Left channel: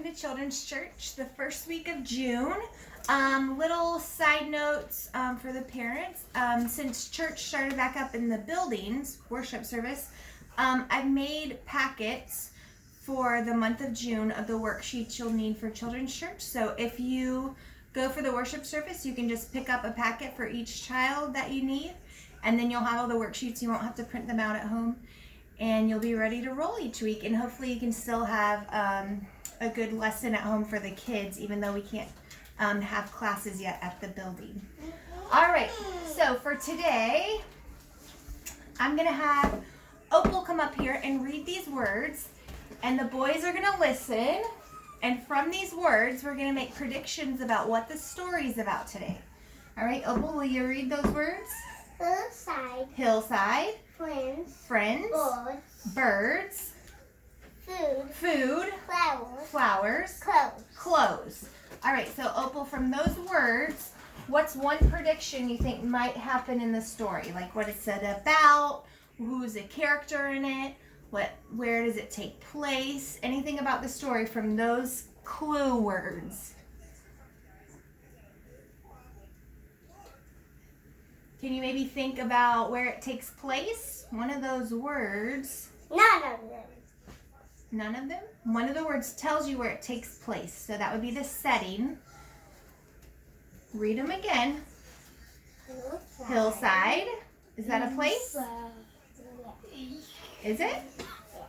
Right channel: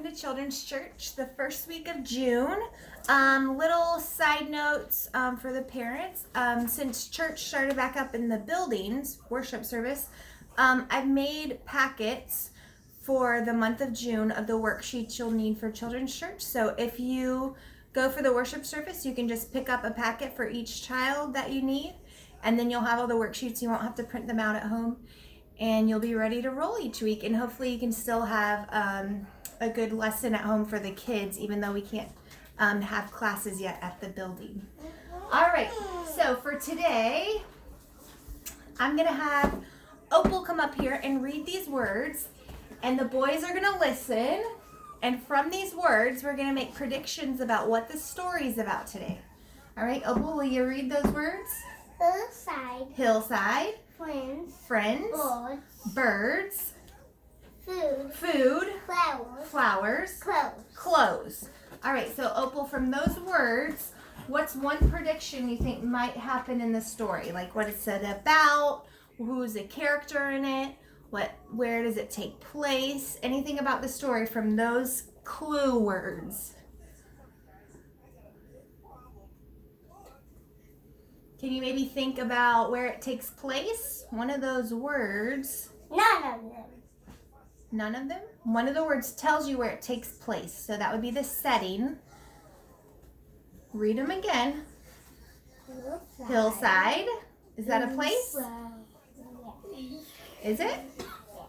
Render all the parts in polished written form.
welcome to Children's Church, the first week of June. Little side notes for the parents. Since church started back up in the buildings, worship service, I've made packets for the month of June of the worksheets you'll need for Children's Church. So if you go for the worship service, you can just pick up a packet for each child that you need, and then you'll have all the worksheets. You won't have to print them out at home, and you'll be ready to roll each week. And hopefully you can still have a good lesson at home for the kids, even though we can't have classes yet at the building. All right, so for today, I'm gonna have Opal come up here and read these words, and the boys are gonna listen, and from these words, we're gonna make predictions about what the story's about today. All right, Opal, will you read those words? Hillside. Hillside. Friends. Friends. Birds. Birds. Food. Food. Flowers. Flowers. Clothes. Clothes. All right, so Opal, from those words, what's one prediction you think might happen in the story? Like what it's said about, who's a character in it, where does it take place? Anything about the story from those clue words? Can you maybe think about where it takes place? One of those words. None of them. None of them? One of the words tells you where it takes place. So that would be the setting. Read them again. Hillside. Hillside. Is that a place? Yes. Is it?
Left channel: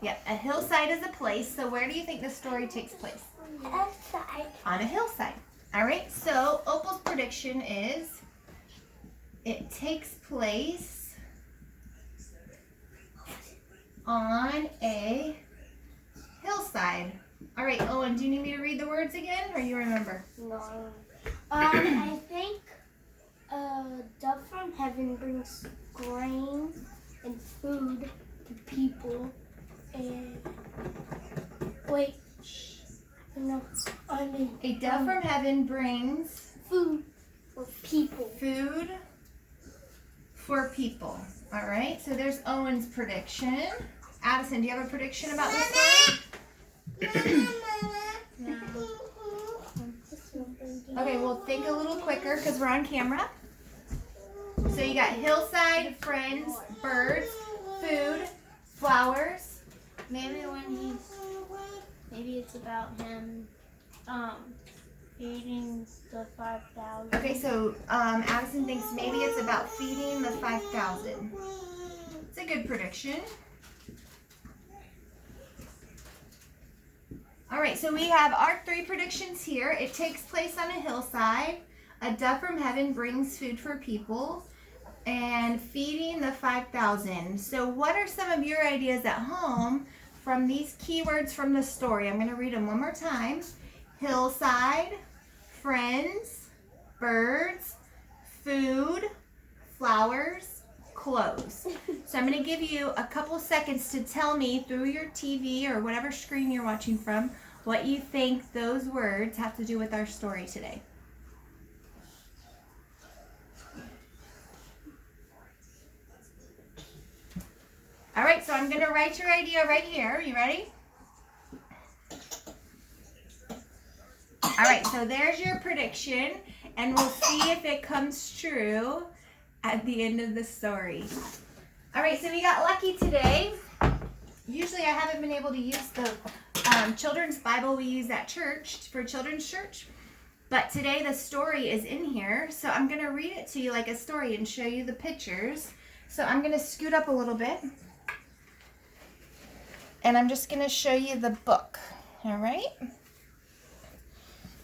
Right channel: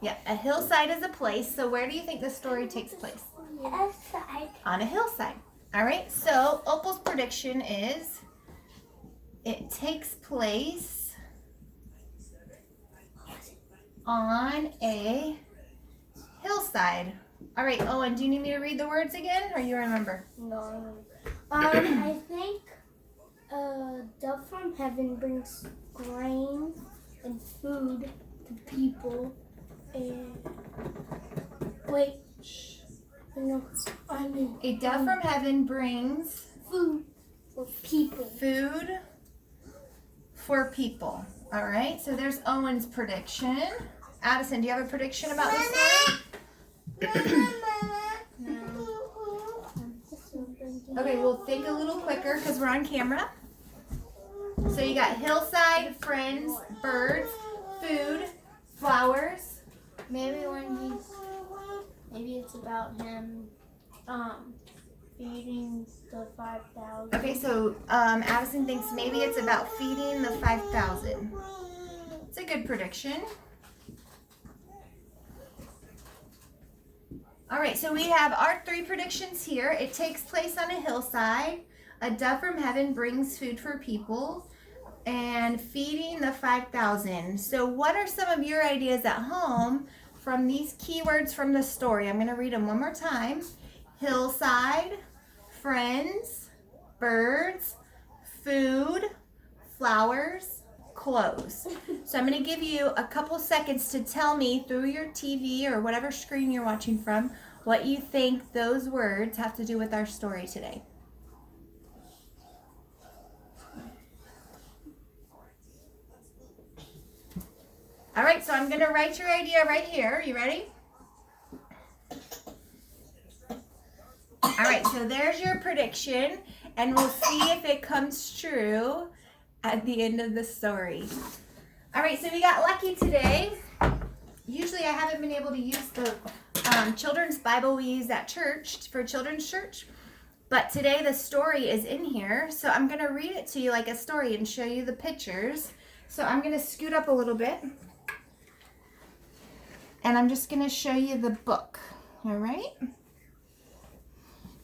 Yeah, a hillside is a place. So where do you think the story takes place? Hillside. On a hillside. All right, so Opal's prediction is it takes place on a hillside. All right, Owen, do you need me to read the words again, or you remember? No. I think dove from heaven brings grain and food to people. And wait, no, I mean A dove from heaven brings food for people. food for people. All right, so there's Owen's prediction. Addison, do you have a prediction about this story? Okay, well, think a little quicker because we're on camera. So you got hillside, friends, birds, food, flowers. Maybe maybe it's about him feeding the 5,000. Okay, so Addison thinks maybe it's about feeding the 5,000. It's a good prediction. All right, so we have our three predictions here. It takes place on a hillside. A dove from heaven brings food for people, and feeding the 5,000. So what are some of your ideas at home from these keywords from the story? I'm going to read them one more time. Hillside, friends, birds, food, flowers, clothes. So I'm going to give you a couple seconds to tell me through your TV or whatever screen you're watching from what you think those words have to do with our story today. All right, so I'm going to write your idea right here. You ready? All right, so there's your prediction, and we'll see if it comes true at the end of the story. All right, so we got lucky today. Usually I haven't been able to use the children's Bible we use at church for Children's Church, but today the story is in here, so I'm going to read it to you like a story and show you the pictures. So I'm going to scoot up a little bit, and I'm just going to show you the book, all right?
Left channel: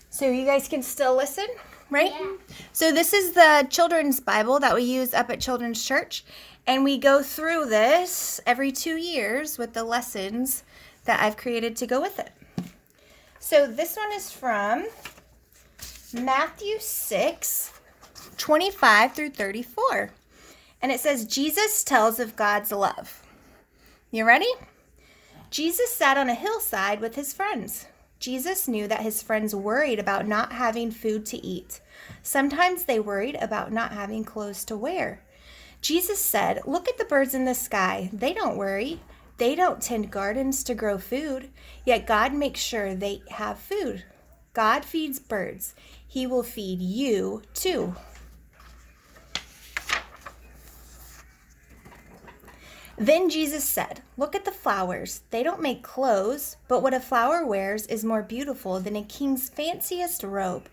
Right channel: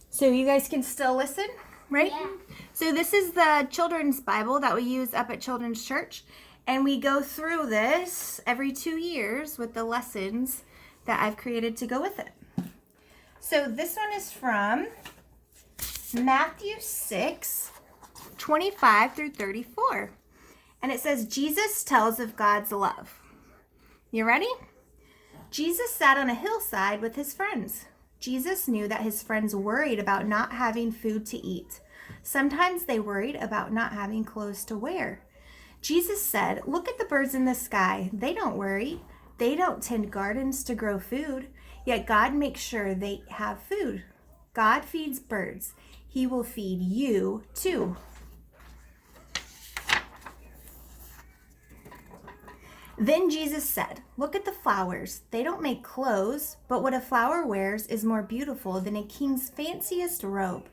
So you guys can still listen, right? Yeah. So this is the children's Bible that we use up at Children's Church, and we go through this every 2 years with the lessons that I've created to go with it. So this one is from Matthew 6:25 through 34. And it says, Jesus tells of God's love. You ready? Jesus sat on a hillside with his friends. Jesus knew that his friends worried about not having food to eat. Sometimes they worried about not having clothes to wear. Jesus said, "Look at the birds in the sky. They don't worry. They don't tend gardens to grow food, yet God makes sure they have food. God feeds birds. He will feed you too. Then Jesus said, "Look at the flowers. They don't make clothes, but what a flower wears is more beautiful than a king's fanciest robe.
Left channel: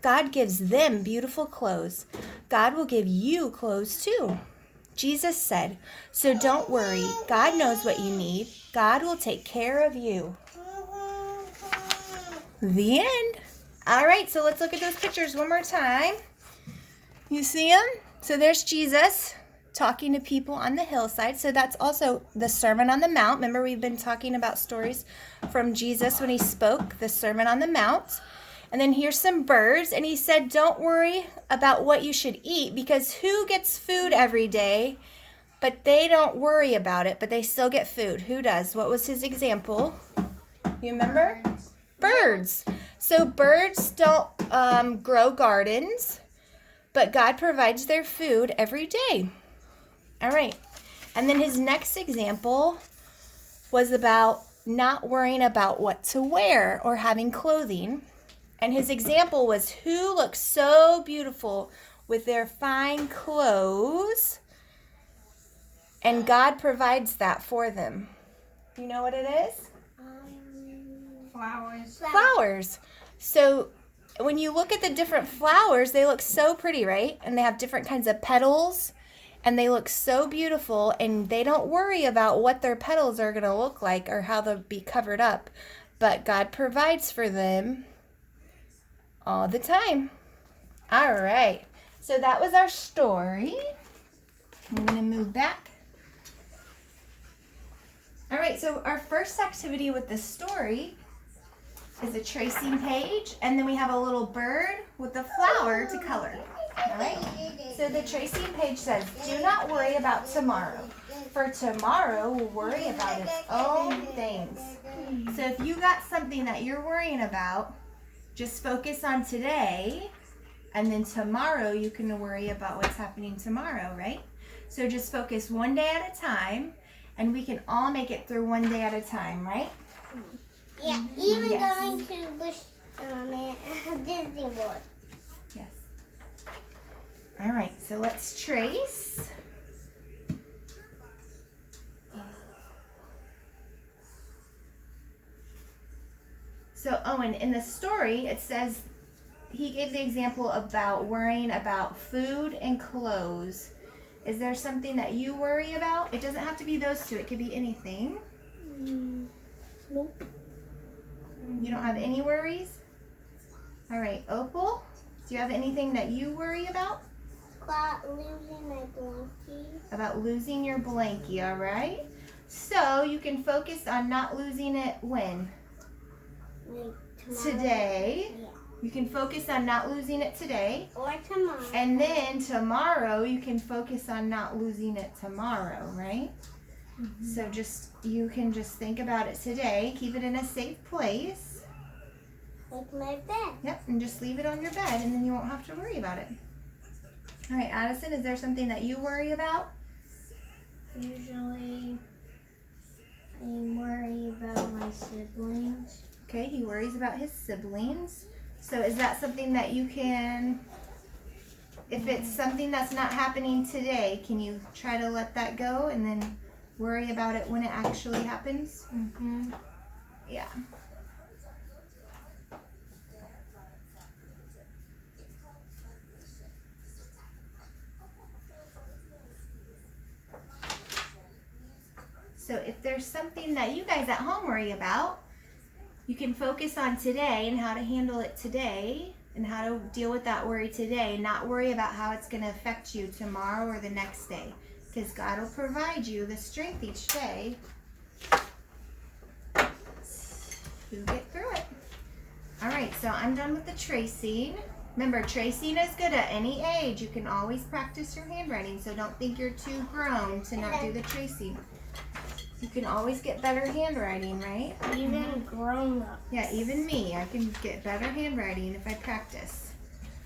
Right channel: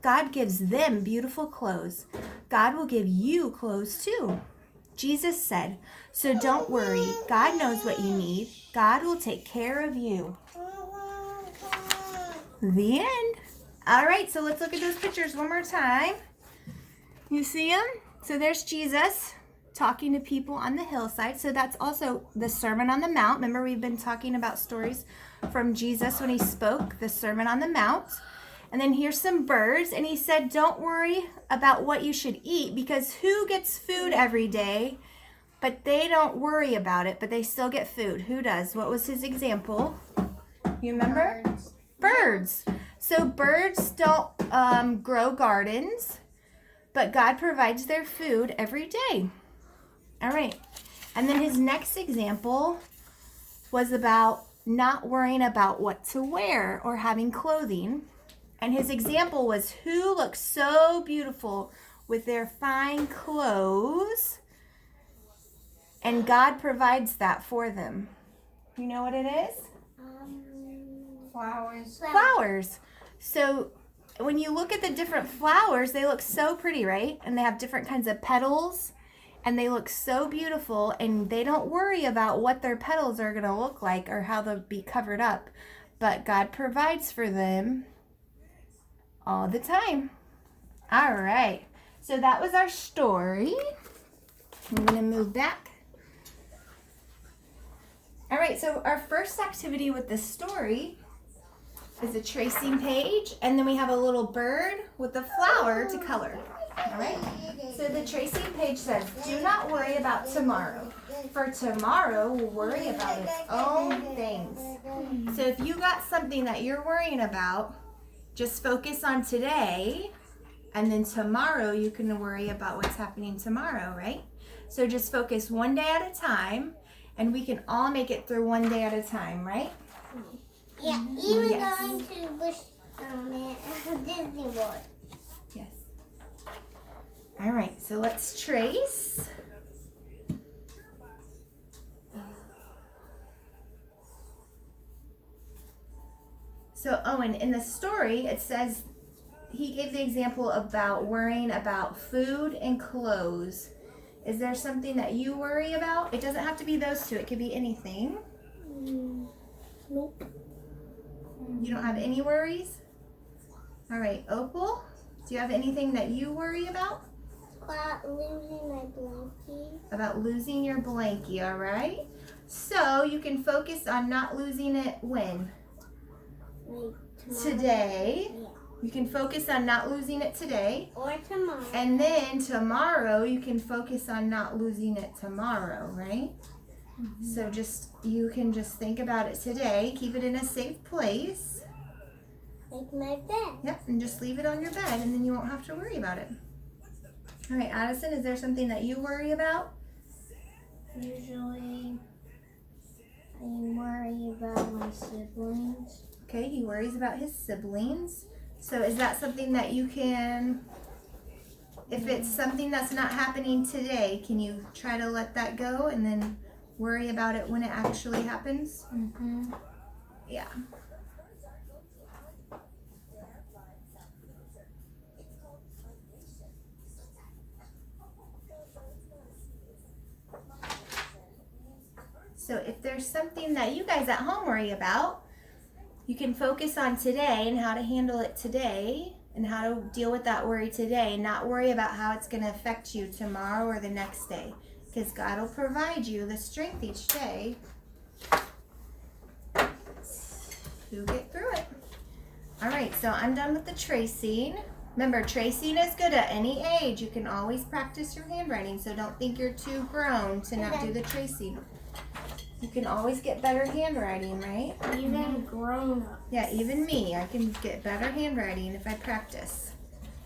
God gives them beautiful clothes. God will give you clothes too." Jesus said, "So don't worry. God knows what you need. God will take care of you." The end. All right, so let's look at those pictures one more time. You see them? So there's Jesus talking to people on the hillside. So that's also the Sermon on the Mount. Remember, we've been talking about stories from Jesus when he spoke the Sermon on the Mount. And then here's some birds. And he said, don't worry about what you should eat, because who gets food every day? But they don't worry about it, but they still get food. Who does? What was his example? You remember? Birds. So birds don't grow gardens, but God provides their food every day. All right. And then his next example was about not worrying about what to wear or having clothing. And his example was, who looks so beautiful with their fine clothes, and God provides that for them. You know what it is? Flowers. Flowers. So when you look at the different flowers, they look so pretty, right? And they have different kinds of petals, and they look so beautiful, and they don't worry about what their petals are going to look like or how they'll be covered up. But God provides for them all the time. All right. So that was our story. I'm going to move back. All right, so our first activity with the story is a tracing page, and then we have a little bird with a flower to color. All right? So the tracing page says, "Do not worry about tomorrow, for tomorrow will worry about its own things." So if you got something that you're worrying about, just focus on today, and then tomorrow you can worry about what's happening tomorrow, right? So just focus one day at a time, and we can all make it through one day at a time, right? Yeah, even Yes. going to Bush Disney World. Yes. All right, so let's trace. So, Owen, in the story, it says he gave the example about worrying about food and clothes. Is there something that you worry about? It doesn't have to be those two. It could be anything. Nope. You don't have any worries? All right, Opal, do you have anything that you worry about? About losing my blankie. About losing your blankie, all right? So you can focus on not losing it when? Like tomorrow. Today. Yeah. You can focus on not losing it today. Or tomorrow. And then tomorrow you can focus on not losing it tomorrow, right? Mm-hmm. So you can just think about it today. Keep it in a safe place. Like my bed. Yep, and just leave it on your bed, and then you won't have to worry about it. All right, Addison, is there something that you worry about? Usually, I worry about my siblings. Okay, he worries about his siblings. So is that something that you can, if it's something that's not happening today, can you try to let that go and then worry about it when it actually happens? Mm-hmm. Yeah. So if there's something that you guys at home worry about, you can focus on today and how to handle it today and how to deal with that worry today, not worry about how it's going to affect you tomorrow or the next day, because God will provide you the strength each day to get through it. All right, so I'm done with the tracing. Remember, tracing is good at any age. You can always practice your handwriting, so don't think you're too grown to not do the tracing. You can always get better handwriting, right? Even grown up. Yeah, even me. I can get better handwriting if I practice.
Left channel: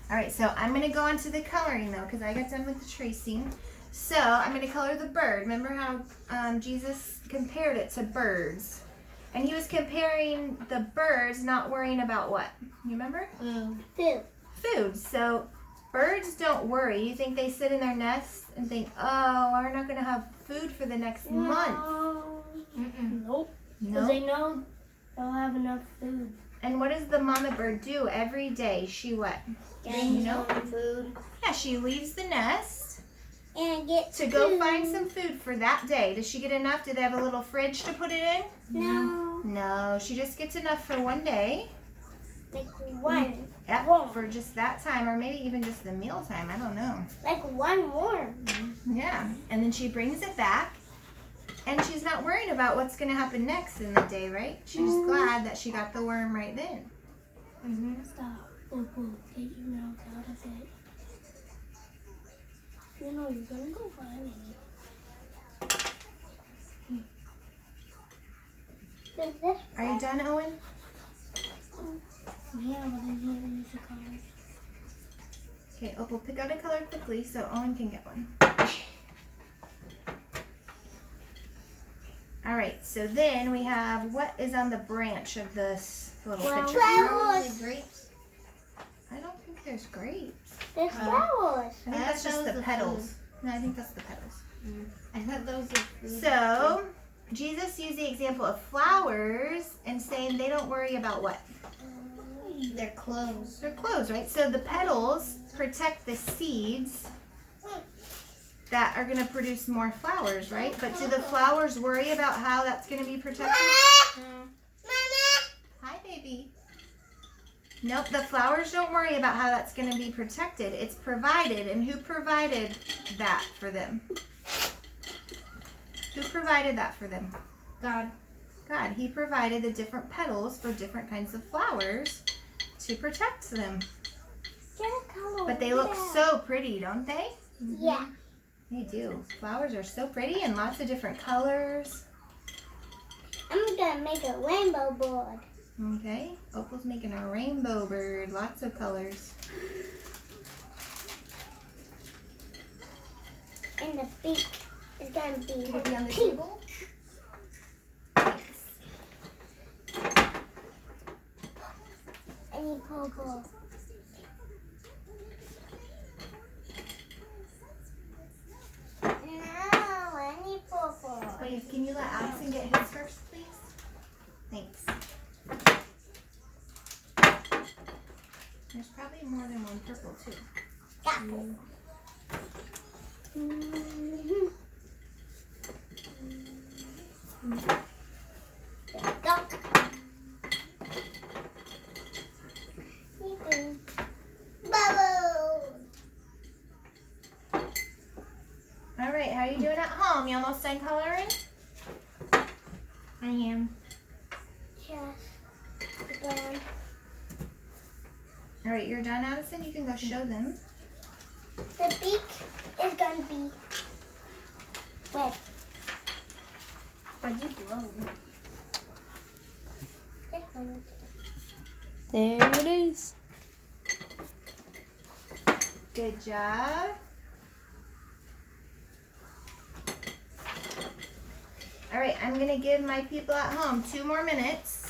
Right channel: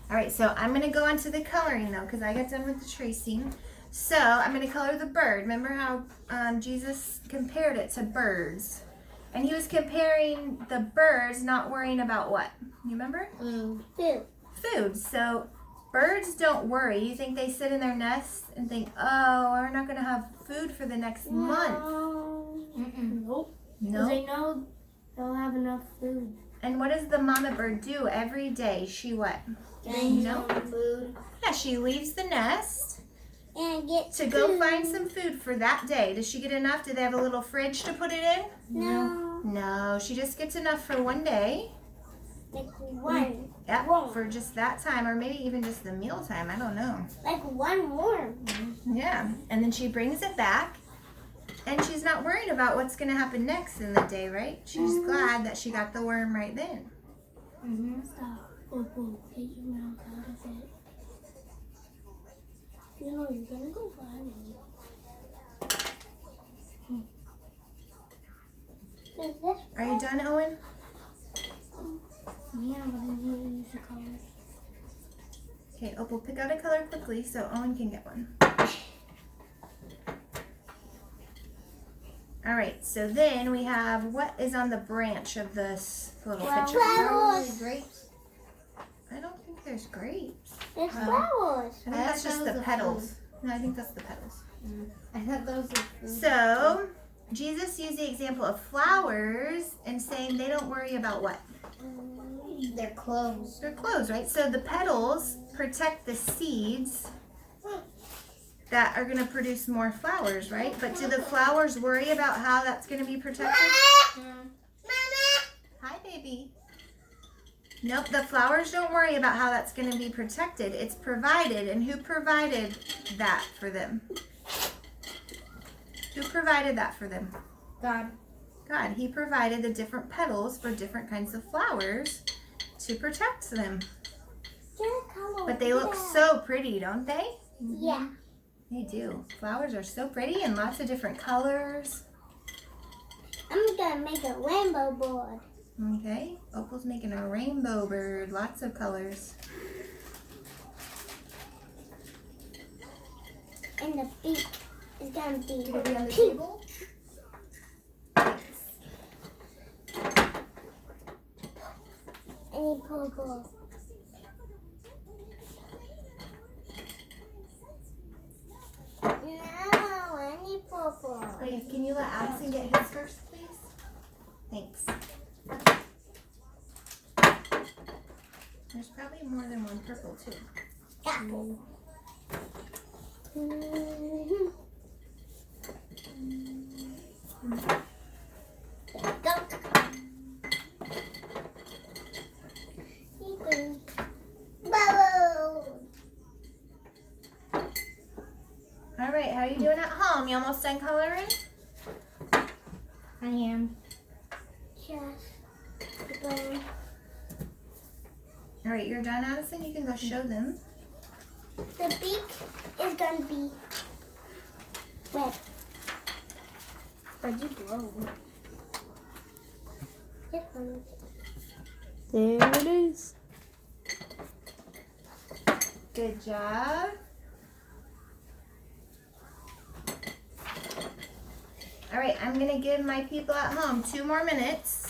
All right, so I'm going to go on to the coloring, though, because I got done with the tracing. So I'm going to color the bird. Remember how Jesus compared it to birds? And he was comparing the birds not worrying about what? You remember? Food. Food. So birds don't worry. You think they sit in their nests and think, oh, we're not going to have food for the next month? Nope. No. Because they know they'll have enough food. And what does the mama bird do every day? She what? Getting Nope. some food. Yeah, she leaves the nest And get to go find some food for that day. Does she get enough? Do they have a little fridge to put it in? No. No, she just gets enough for one day. Like one. Yep, Whoa. for just that time, or maybe even just the meal time. I don't know. Like one more. Yeah, and then she brings it back, and she's not worrying about what's going to happen next in the day, right? She's glad that she got the worm right then. Stop. Opal, get your mouth out of it. You know you're gonna go find it. Are you done, Owen? Yeah, but I didn't use the colors. Okay, Opal, pick out a color quickly so Owen can get one. All right, so then we have what is on the branch of this little picture? Flowers. Grapes. I don't think there's grapes. There's flowers. I think that's just the petals. No, I think that's the petals. I thought those were food. So, Jesus used the example of flowers and saying they don't worry about what? Their clothes. Their clothes, right? So the petals protect the seeds that are going to produce more flowers, right? But do the flowers worry about how that's going to be protected? Hi, baby. Nope, the flowers don't worry about how that's going to be protected. It's provided. And who provided that for them? Who provided that for them? God. God. He provided the different petals for different kinds of flowers to protect them. Get a color. But they look so pretty, don't they? Yeah. They do. Flowers are so pretty and lots of different colors. I'm gonna make a rainbow board. Okay, Opal's making a rainbow bird, lots of colors. And the beak is gonna be Can it be on the pink. table? I need purple. No, I need purple. Wait, can you let Allison get his first, please? Thanks. There's probably more than one purple, too. Apple. All right, how are you doing at home? You almost done coloring? I am. All right, you're done, Addison? You can go show them. The beak is gonna be red. But you blow. This one. There it is. Good job. All right, I'm gonna give my people at home 2 more minutes.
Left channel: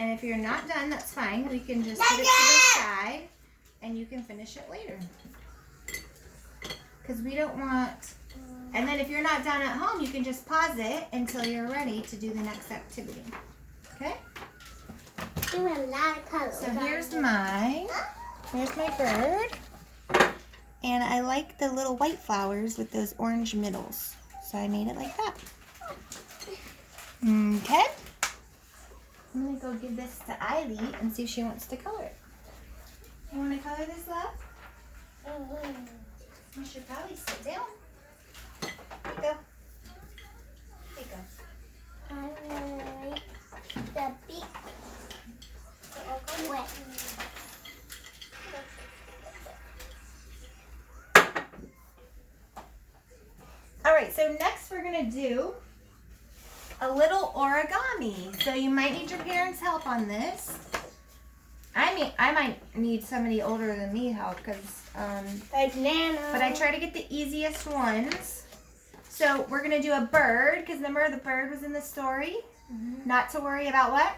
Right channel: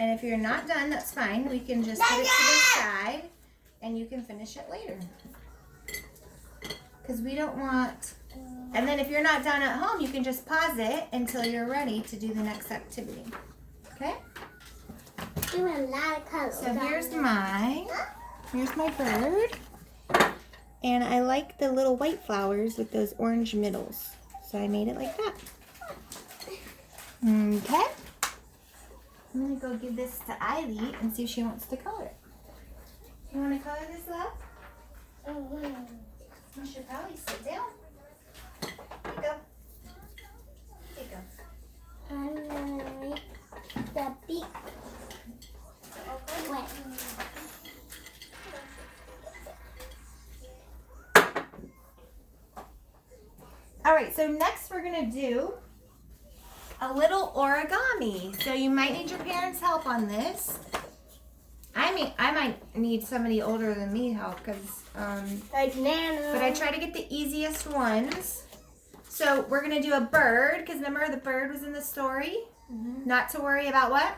And if you're not done, that's fine. We can just put it to the side and you can finish it later. Because we don't want, and then if you're not done at home, you can just pause it until you're ready to do the next activity. Okay? Do a lot of colors. So here's my bird. And I like the little white flowers with those orange middles. So I made it like that. Okay. I'm gonna go give this to Ivy and see if she wants to color it. You wanna color this up? You should probably sit down. Here you go. Here you go. I like the beak. Wet. All right, so next we're gonna do a little origami. So you might need your parents' help on this. I might need somebody older than me help because Like Nana. But I try to get the easiest ones. So we're gonna do a bird, because remember the bird was in the story? Mhm. Not to worry about what?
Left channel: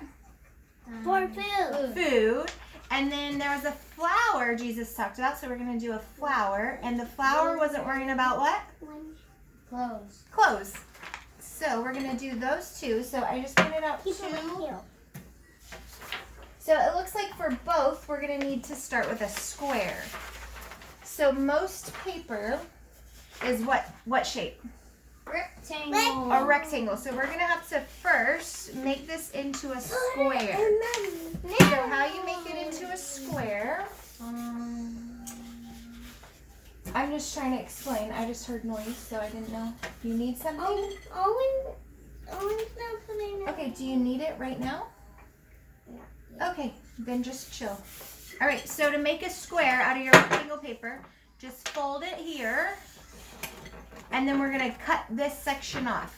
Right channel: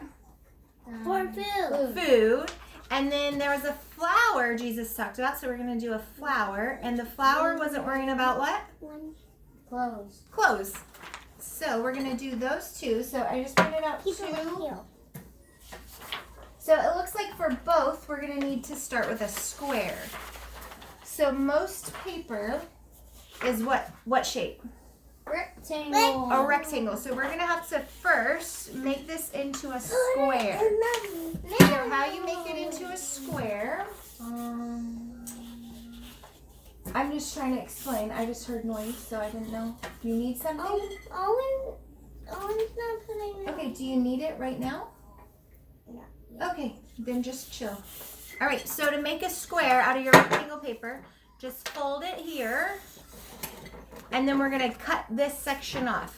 For food. Food. And then there was a flower Jesus talked about, so we're gonna do a flower. And the flower wasn't worrying about what? Clothes. Clothes. So we're gonna do those two. So I just printed out Keep it right two. here. So it looks like for both, we're gonna need to start with a square. So most paper is what shape? Rectangle. A rectangle. So we're gonna have to first make this into a square. So how you make it into a square? I'm just trying to explain. I just heard noise, so I didn't know. Do you need something? Owen's not putting it. Okay, do you need it right now? No. Okay, then just chill. All right, so to make a square out of your rectangle paper, just fold it here, and then we're gonna cut this section off.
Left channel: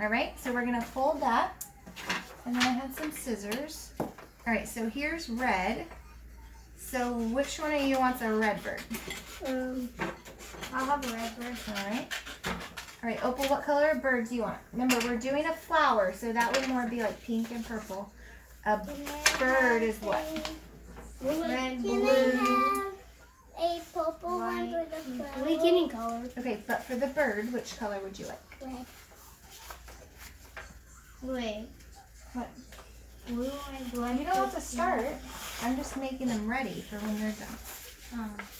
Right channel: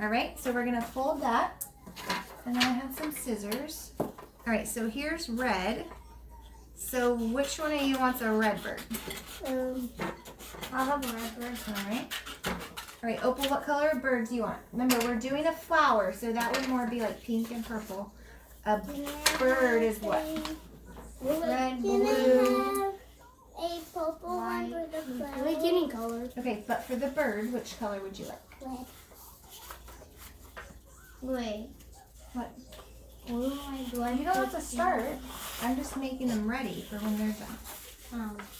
All right, so we're gonna fold that, and then I have some scissors. All right, so here's red. So which one of you wants a red bird? I'll have a red bird. All right. All right, Opal, what color of bird do you want? Remember, we're doing a flower, so that would more be like pink and purple. A bird is what? Red, Can blue. I have a purple one with a bird? Like any color. Okay, but for the bird, which color would you like? Red. Wait. What? Blue. You don't have to start. I'm just making them ready for when they're done.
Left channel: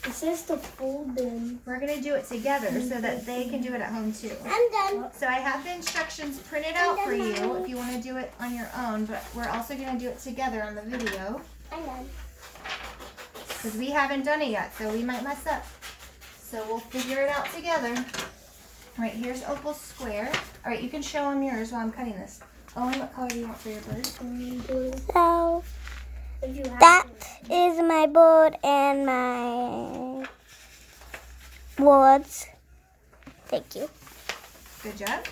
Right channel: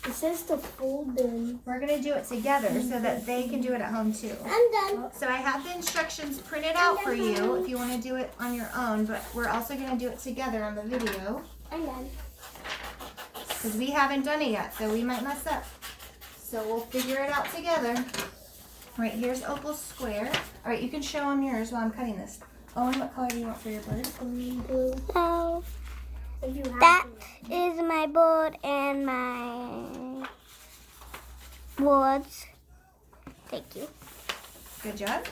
It says to fold them. We're gonna do it together so that they can do it at home too. I'm done. So I have the instructions printed out for you if you want to do it on your own, but we're also gonna do it together on the video I'm done. because we haven't done it yet, so we might mess up. So we'll figure it out together. All right, here's Opal's square. All right, you can show them yours while I'm cutting this. Owen, what color do you want for your bird? So that is my board and my words. Thank you. Good job.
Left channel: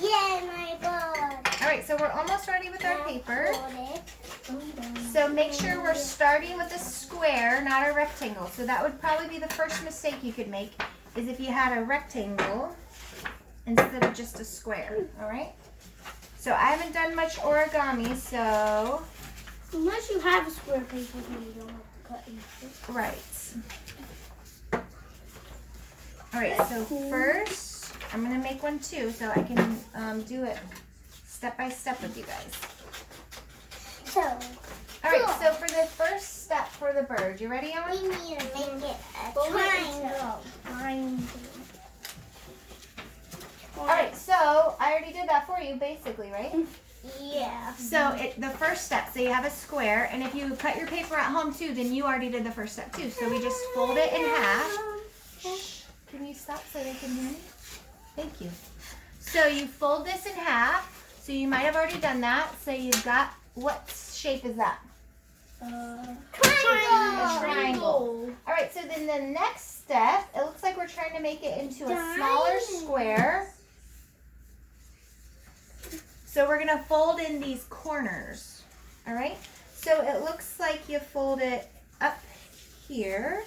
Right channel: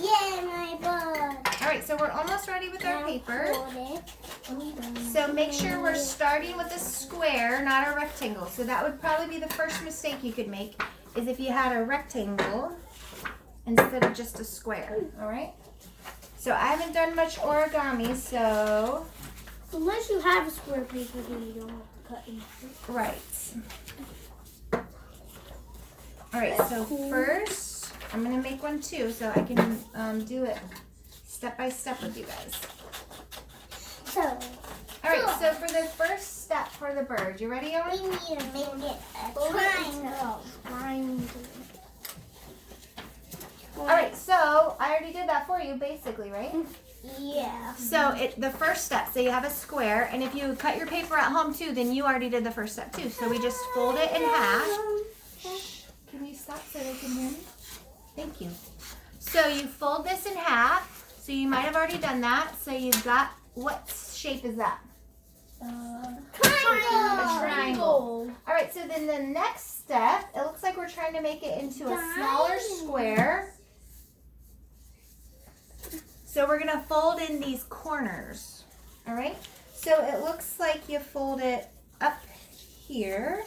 Yay, my board. All right, so we're almost ready with our paper. Fold it. So make sure we're starting with a square, not a rectangle. So that would probably be the first mistake you could make, is if you had a rectangle instead of just a square, all right? So I haven't done much origami, so, Unless you have a square paper, then you don't have to cut anything. right. All right, so first, I'm gonna make one too, so I can do it step by step with you guys. So All right, so for the first step for the bird, you ready, we Owen? need to make it a triangle. All right, so I already did that for you, basically, right? Yeah. So the first step, so you have a square, and if you cut your paper at home too, then you already did the first step too. So we just fold it in half. Shh, can you stop so they can hear me? Thank you. So you fold this in half. So you might have already done that. So you've got, what shape is that? Triangle. A triangle. All right, so then the next step, it looks like we're trying to make it into a smaller square. So we're gonna fold in these corners, all right? So it looks like you fold it up here.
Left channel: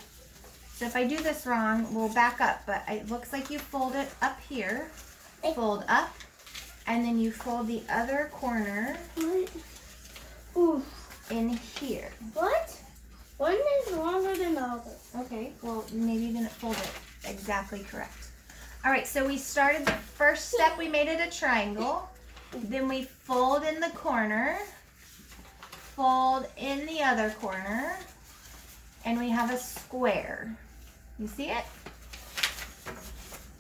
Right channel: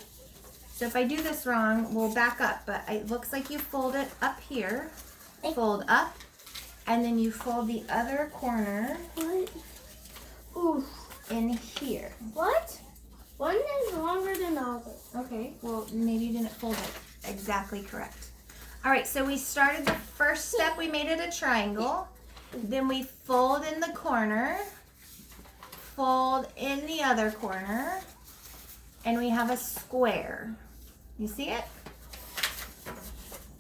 So if I do this wrong, we'll back up, but it looks like you fold it up here, fold up, and then you fold the other corner Ooh. in here. What? One is longer than the other. Okay, well, maybe you didn't fold it exactly correct. All right, so we started the first step, we made it a triangle. Then we fold in the corner, fold in the other corner, and we have a square. You see it?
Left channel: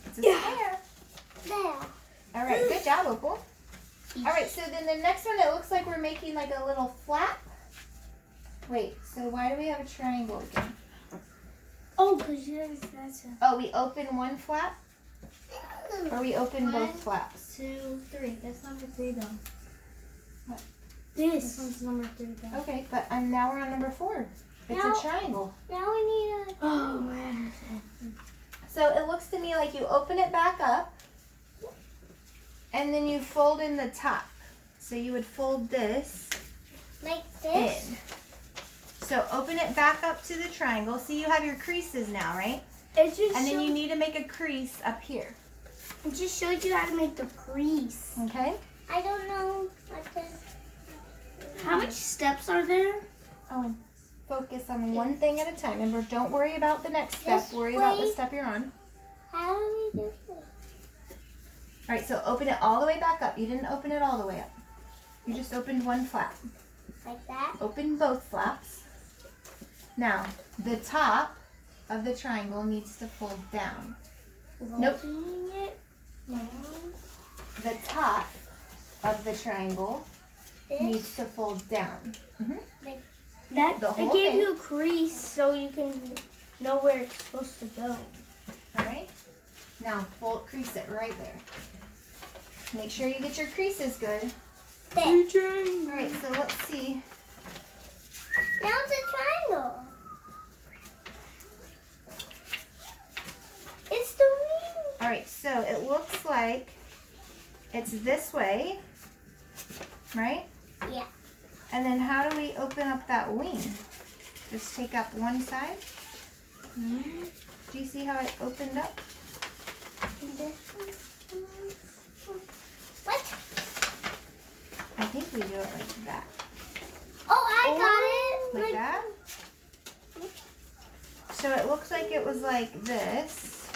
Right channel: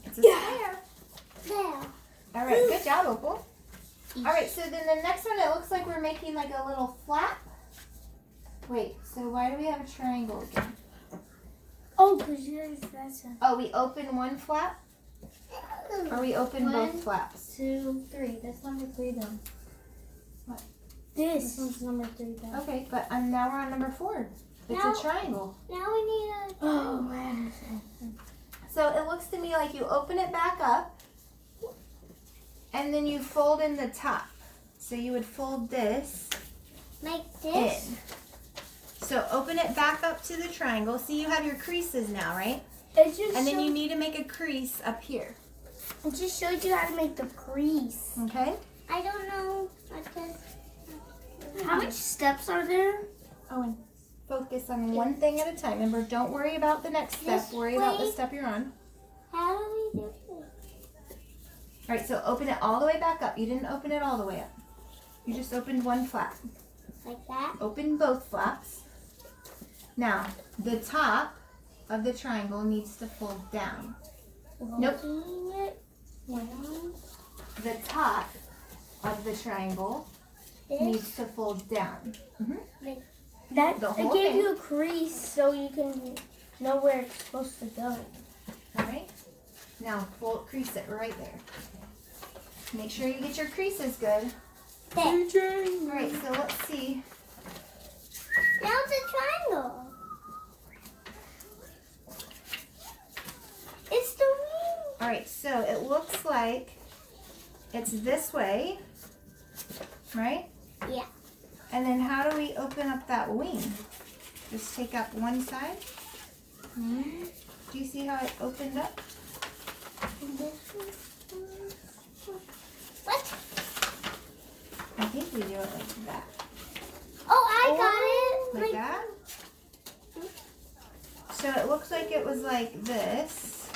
It's a square. There. All right, good job, Opal. All right, so then the next one, it looks like we're making like a little flap. Wait, so why do we have a triangle again? Oh, because that's a... Oh, we open one flap? Or we open One. both flaps? 2, 3. That's number 3 though. What? This one's number 3 though. Okay, but now we're on number 4. It's Now- a triangle. Now we need a. Oh man. So it looks to me like you open it back up and then you fold in the top. So you would fold this Like this. in. so open it back up to the triangle. See, you have your creases now, right? It just And then you need to make a crease up here. It just showed you how to make the crease. Okay? I don't know what to. How much steps are there? Owen, focus on one thing at a time. Remember, don't worry about the next step. This Worry about the way. step you're on. How do we do this? All right, so open it all the way back up. You didn't open it all the way up. You just opened one flap. Like that? Open both flaps. Now, the top of the triangle needs to fold down. Nope. Rolling it down. The top of the triangle This. needs to fold down. That The it whole gave thing. you a crease so you can know where it's supposed to go. All right? Now, fold, crease it right there. Make sure you get your creases good. There. All right, so let's see. Now it's a triangle. It's the wing. All right, so it looks like it's this way, right? Yeah. And then how do we open up that wing? Just take up one side. Do you see how it opened up? What? I think we do it like that. Oh, I got it. Like that? So it looks like it was like this,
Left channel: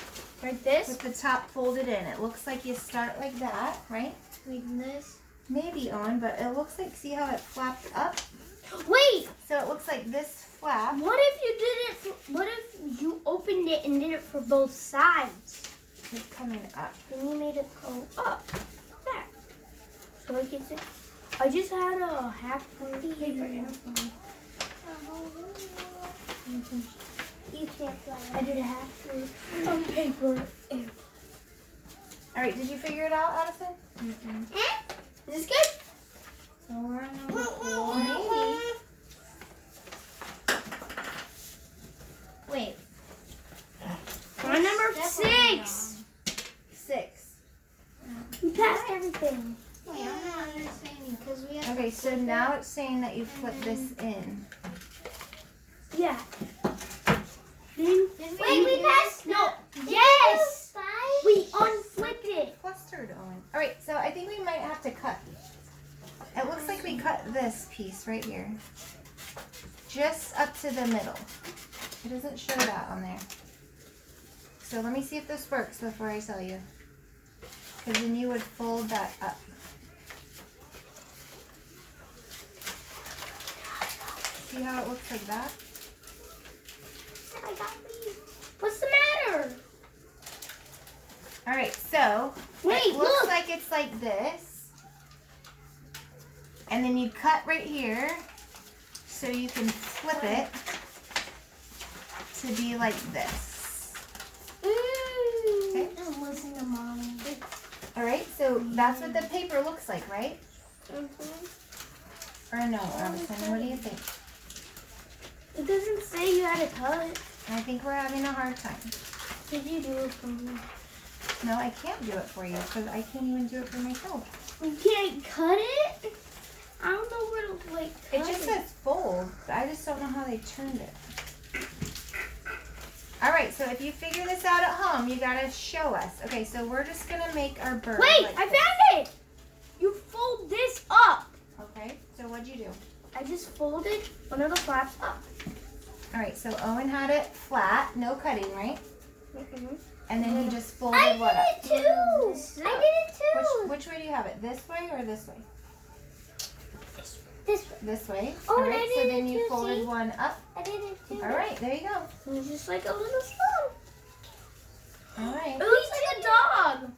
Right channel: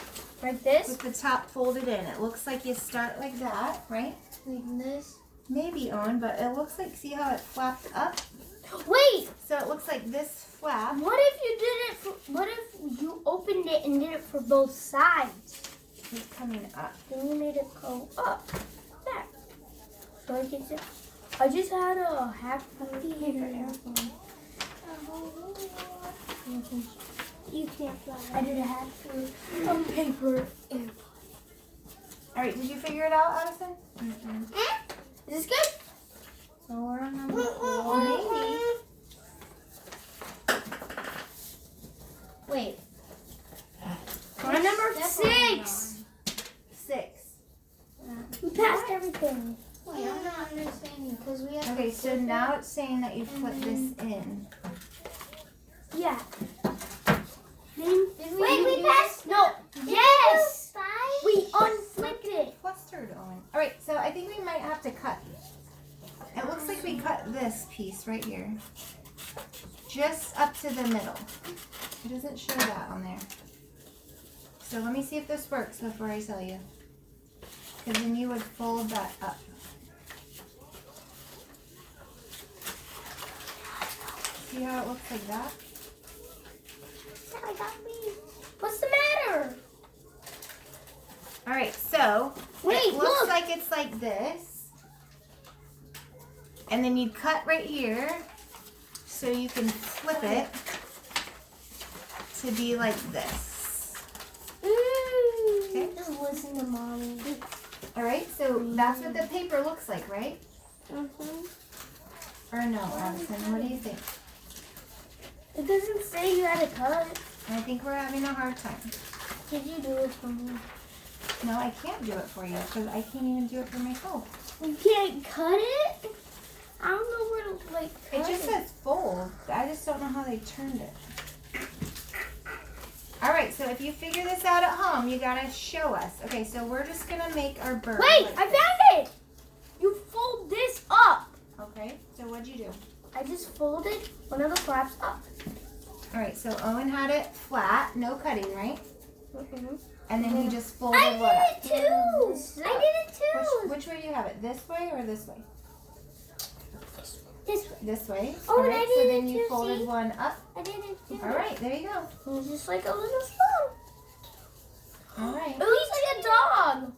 Like this? with the top folded in. It looks like you start like that, right? Like this? Maybe on, but it looks like, see how it flapped up? Wait! So it looks like this flap. What if you did it for, what if you opened it and did it for both sides? Is coming up. Then you made it go up. There. So it gets it. I just had a half pointy paper airplane. You can't fly. I did a half paper airplane. All right, did you figure it out, Addison? Is this good? So we're on number 4, maybe. Wait. We're on number 6. 6. We passed everything. Wait, I'm not understanding because we have. Okay, so now it's saying that you flip this in. Yeah. Then, Wait, we passed. No. Yes. Five? We unflipped it. Clustered, Owen. All right, so I think we might have to cut. It looks like we cut this piece right here. Just up to the middle. It doesn't show that on there. So let me see if this works before I tell you. Because then you would fold that up. See how it looks like that? I got these. What's the matter? All right, so Wait, it looks look. like it's like this. And then you cut right here so you can flip it to be like this. Okay. Just listen to mommy. All right, so that's what the paper looks like, right? Or no, Addison, what do you think? It doesn't say you had to cut. I think we're having a hard time. Did you do it for me? No, I can't do it for you because I can't even do it for myself. You can't cut it? I don't know where to like It cut just says fold. I just don't know how they turned it. All right, so if you figure this out at home, you gotta show us. Okay, so we're just gonna make our bird. Wait, like I this. found it! You fold this up. Okay, so what'd you do? I just folded one of the flaps up. All right, so Owen had it flat, no cutting, right? And then he just folded I what up? did it too. I did it too. Which way do you have it? This way or this way? This way. This way. Oh, All and I right, so did then it you too, folded see? one up. I did it too. All right, there you go. It's just like a little spoon. All right. It looks like a dog.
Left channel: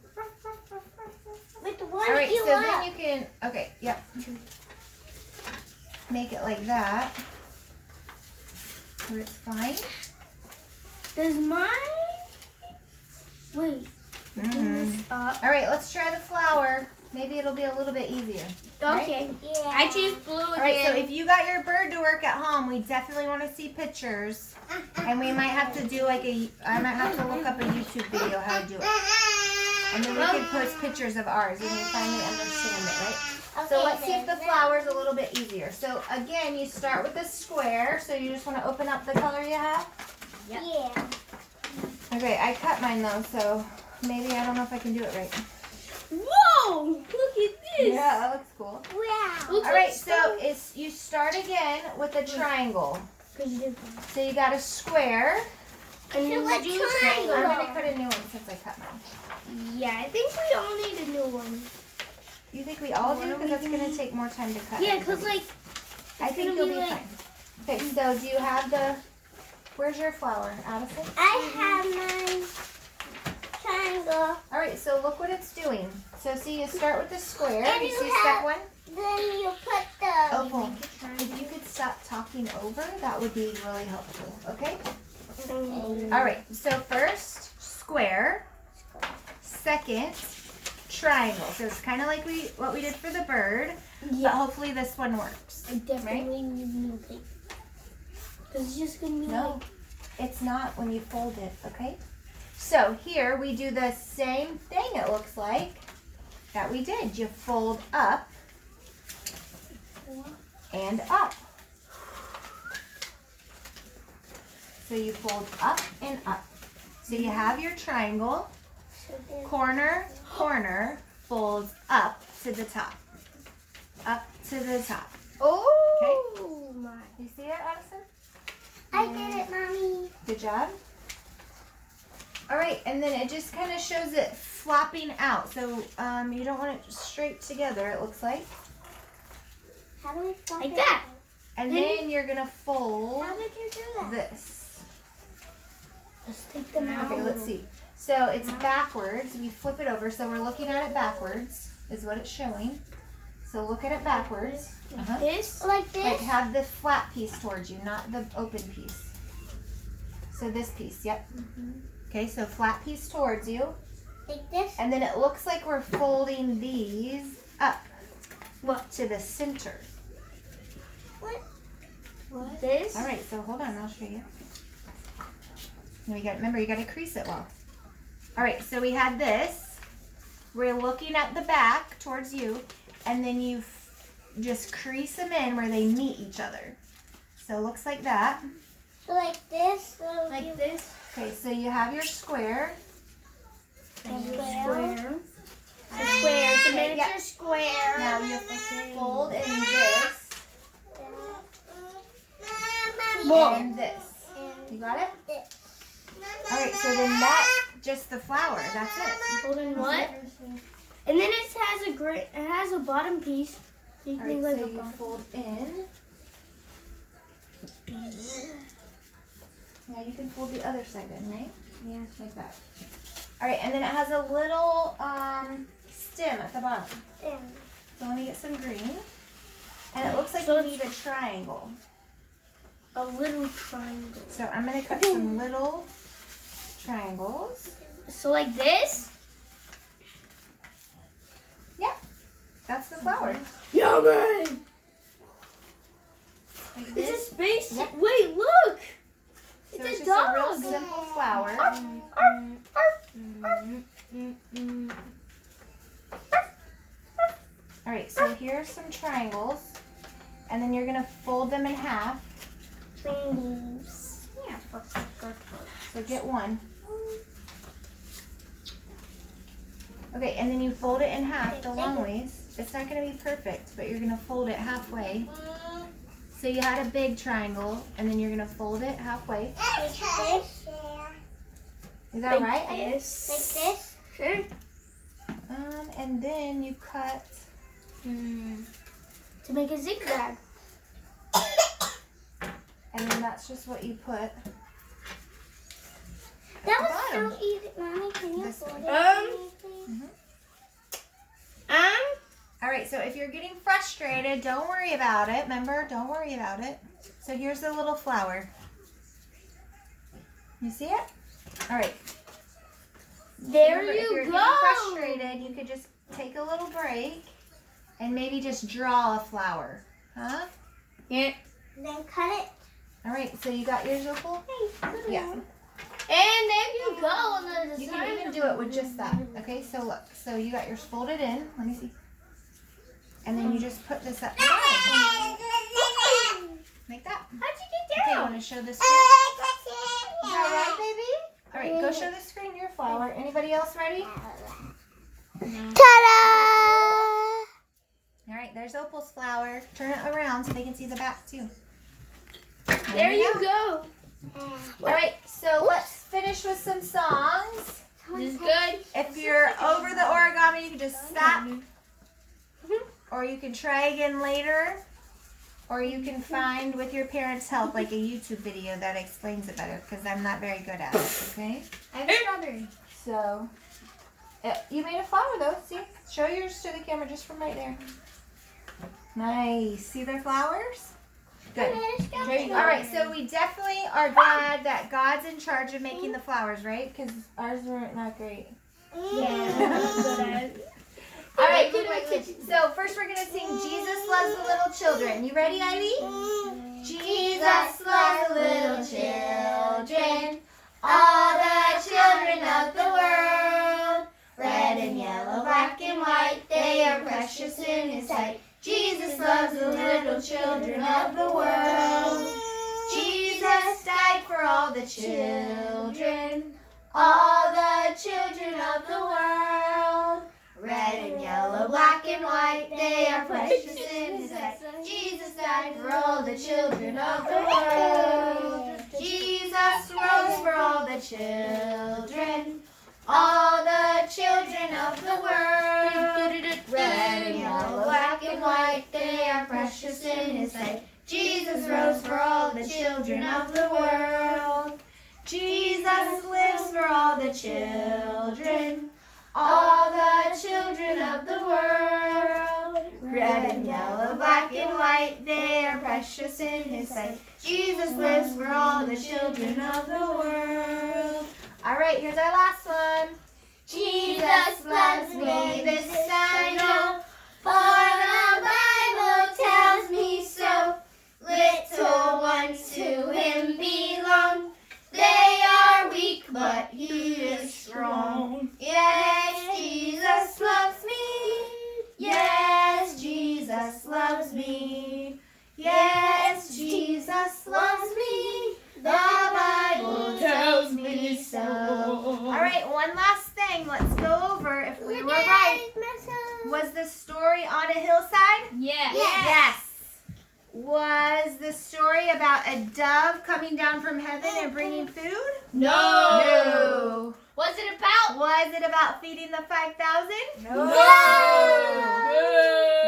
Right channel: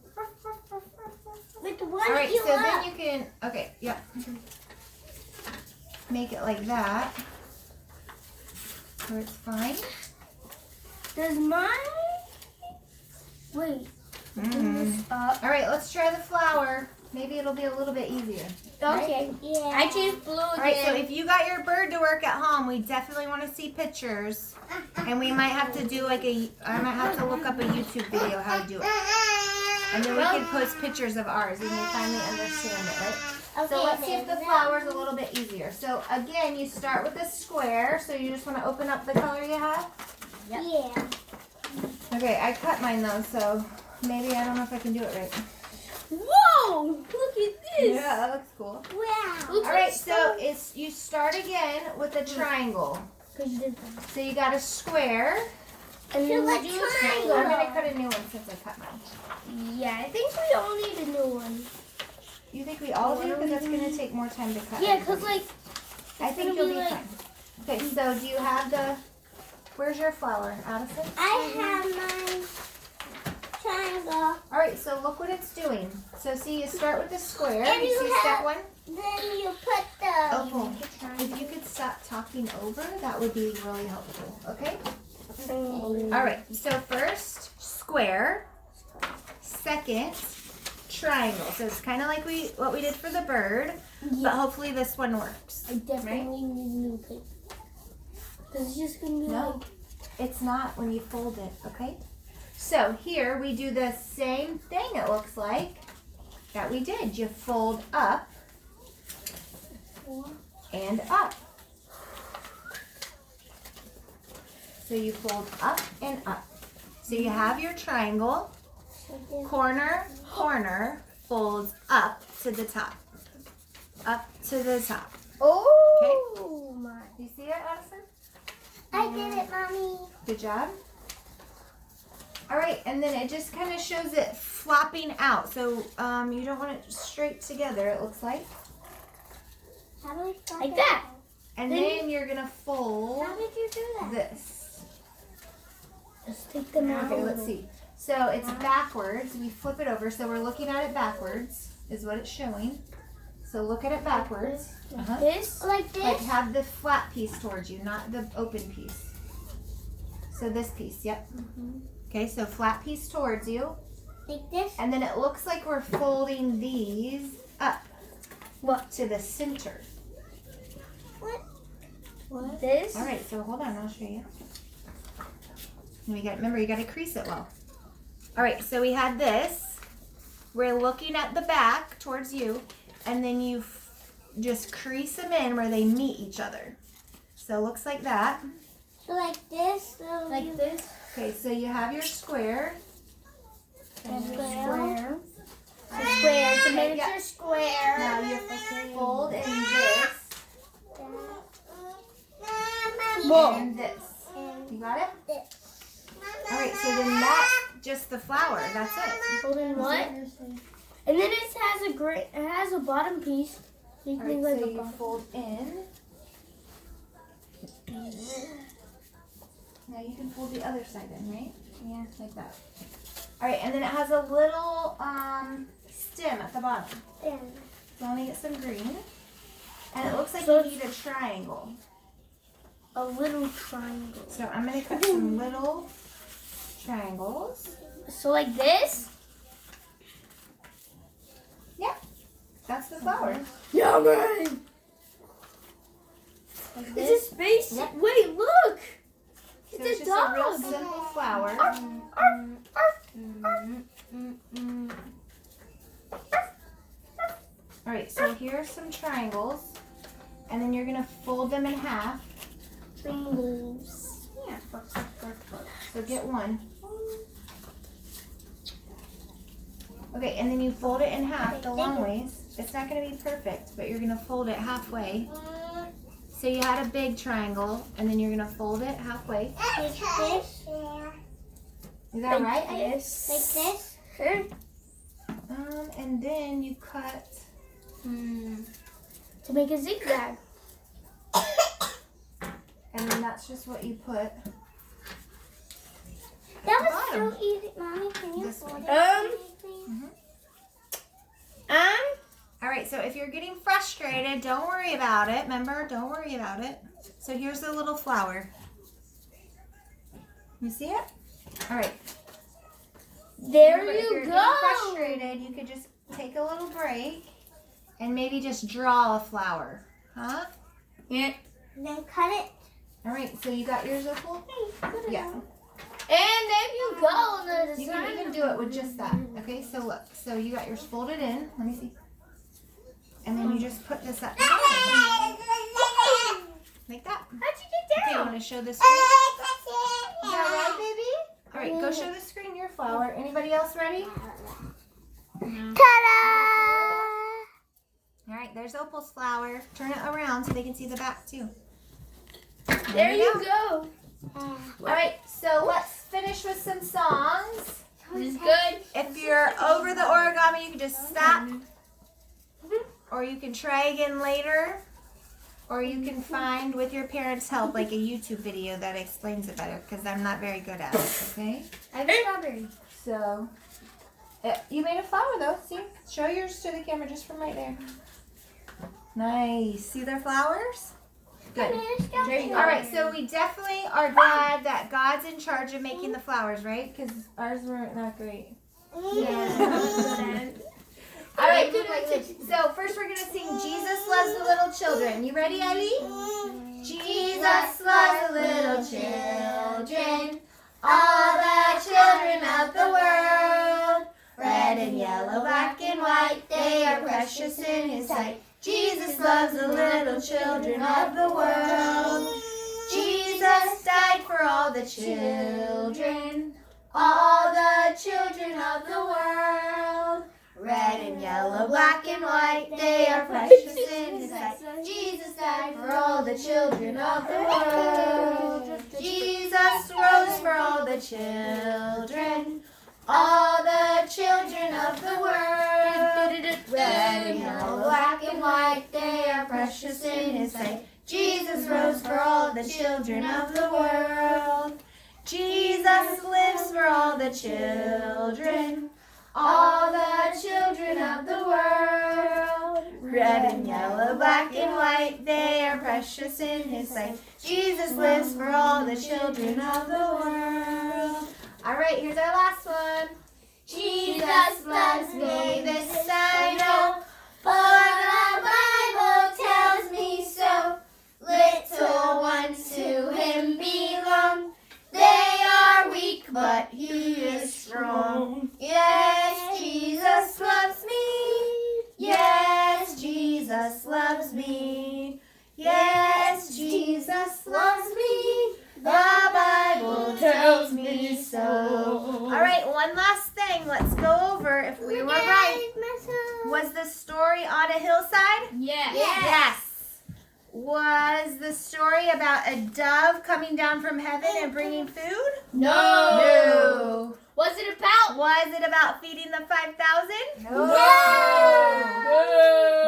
Like the one All right, you so love. then you can, okay, yep. Make it like that. Where it's fine. Does mine? Wait. Mm. Up. All right, let's try the flower. Maybe it'll be a little bit easier. Okay. Yeah. I choose blue again. All right, so if you got your bird to work at home, we definitely want to see pictures. And we might have to do like I might have to look up a YouTube video how to do it. And then we can post pictures of ours when we finally understand it, right? Okay, So let's see if the then. flower's a little bit easier. So again, you start with a square. So you just want to open up the color you have? Yeah. Okay, I cut mine though, so maybe I don't know if I can do it right. Whoa! Look at this. Yeah, that looks cool. Wow. Looks All like right, so you start again with a triangle. So you got a square. And then So you a do a triangle. I'm triangle. gonna cut a new one since I cut mine. Yeah, I think we all need a new one. You think we all do? Because that's gonna take more time to cut. Yeah, cause like I think gonna you'll be be like- fine. Okay, so do you have the? Where's your flower, Addison? I have my triangle. All right, so look what it's doing. So see, you start with the square. And You you see have- step one? Then you put the. Okay. If you could stop talking over, that would be really helpful. Okay. All right. So first square. Second triangle. So it's kind of like what we did for the bird, but hopefully this one works. I definitely need new paper. Cause it's just gonna be No, it's not when you fold it. Okay. So here we do the same thing. It looks like that we did. You fold up and up. So you fold up and up. So you have your triangle, corner, corner, folds up to the top. Up to the top. Oh my. Do you see that, Addison? I did it, Mommy. Good job. All right, and then it just kind of shows it flopping out. So you don't want it straight together, it looks like. How do we flip Like it? that. And then you're going to fold How did you do that? this. Let's take them out. Okay, let's see. So it's backwards. We flip it over. So we're looking at it backwards is what it's showing. So look at it backwards. Uh-huh. This. Like this? Like have the flat piece towards you, not the open piece. So this piece, yep. Okay, so flat piece towards you. Like this? And then it looks like we're folding these up. What? To the center. What? This. All right, so hold on, I'll show you. Remember, you got to crease it well. All right, so we had this. We're looking at the back towards you, and then you just crease them in where they meet each other. So it looks like that. So like this? So Like this. Okay, so you have your square. Square. Square. It's a miniature Yeah. square. Now you fold in this Whoa. and this. You got it? This. All right, so then that's just the flower. That's it. Holding what? And then it has it has a bottom piece. So you All can right, make like so a you bottom. fold in. Now you can fold the other side in, right? Yeah, like that. All right, and then it has a little stem at the bottom. And So let me get some green. And it looks like So you need a triangle. A little triangle. So I'm gonna cut some little triangles. So like this. That's the flower. Yummy. Like It's a this. space. Yep. Wait, look. So It's a just a real dog. simple flower. Arf, All right, so here's some triangles. And then you're gonna fold them in half. Triangles. Yeah. So get one. Okay, and then you fold it in half the long ways. It's not gonna be perfect, but you're gonna fold it halfway. So you had a big triangle, and then you're gonna fold it halfway. like this. Is that right? Yes. Like this. Sure. And then you cut. To make a zigzag. And then that's just what you put. That was bottom. so easy. Mommy, can you This fold way. it? All right, so if you're getting frustrated, don't worry about it. Remember, don't worry about it. So here's the little flower. You see it? All right. There Remember, if you you're go. getting frustrated, you could just take a little break and maybe just draw a flower. Huh? Yeah. Then cut it. All right, so you got yours, Opal? Hey, put it Yeah. on. And there you go. The You can even do it with just that. Okay, so look. So you got yours folded in. Let me see. And then you just put this up. Like that. How'd you get Okay, you down? want to show the screen? Is that right, baby? All right, go show the screen your flower. Anybody else ready? Ta-da! All right, there's Opal's flower. Turn it around so they can see the back too. There you go. All right, so let's finish with some songs. This is good. If you're over the origami, you can just stop. Or you can try again later. Or you can find, with your parents' help, like a YouTube video that explains it better, because I'm not very good at it, okay? I have a strawberry. So, you made a flower though, see? Show yours to the camera just from right there. Nice. See their flowers? Good. All right, so we definitely are glad that God's in charge of making the flowers, right? Because ours weren't that great. Yeah. All right, so first we're going to sing Jesus Loves the Little Children. You ready, Ivy? Jesus loves the little children, all the children of the world. Red and yellow, black and white, they are precious in His sight. Jesus loves the little children of the world. Jesus died for all the children, all the children of the world. Red and yellow, black and white, they are precious in His sight. Jesus died for all the children of the world. Jesus rose for all the children, all the children of the world. Red and yellow, black and white, they are precious in His sight. Jesus rose for all the children of the world. Jesus lives for all the children, all the children of the world. Red and yellow, black and white, they are precious in His sight. Jesus lives for all the children of the world. All right, here's our last one. Jesus loves me, this I know, for the Bible tells me so. Little ones to Him belong. They are weak, but He is strong. Yes, Jesus loves me. Yes, Jesus loves me. Yes, Jesus loves me. The Bible tells me so. All right, one last thing. Let's go over if we were right. Was the story on a hillside? Yes. Yes. Was the story about a dove coming down from heaven and bringing food? No. No. What's it about? Was it about feeding the 5,000? No.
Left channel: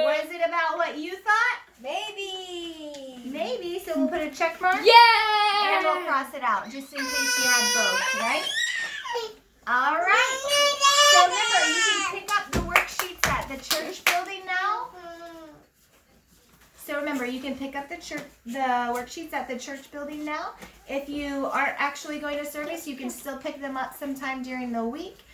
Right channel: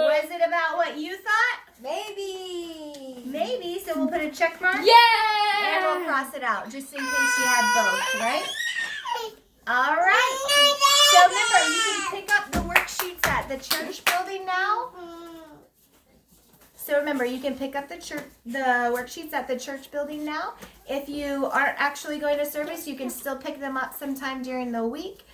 Was it about what you thought? Maybe. Maybe. So we'll put a check mark. Yeah. And we'll cross it out just in case you had both, right? All right. So remember, you can pick up the worksheets at the church building now. So remember, you can pick up the worksheets at the church building now. If you aren't actually going to service, you can still pick them up sometime during the week.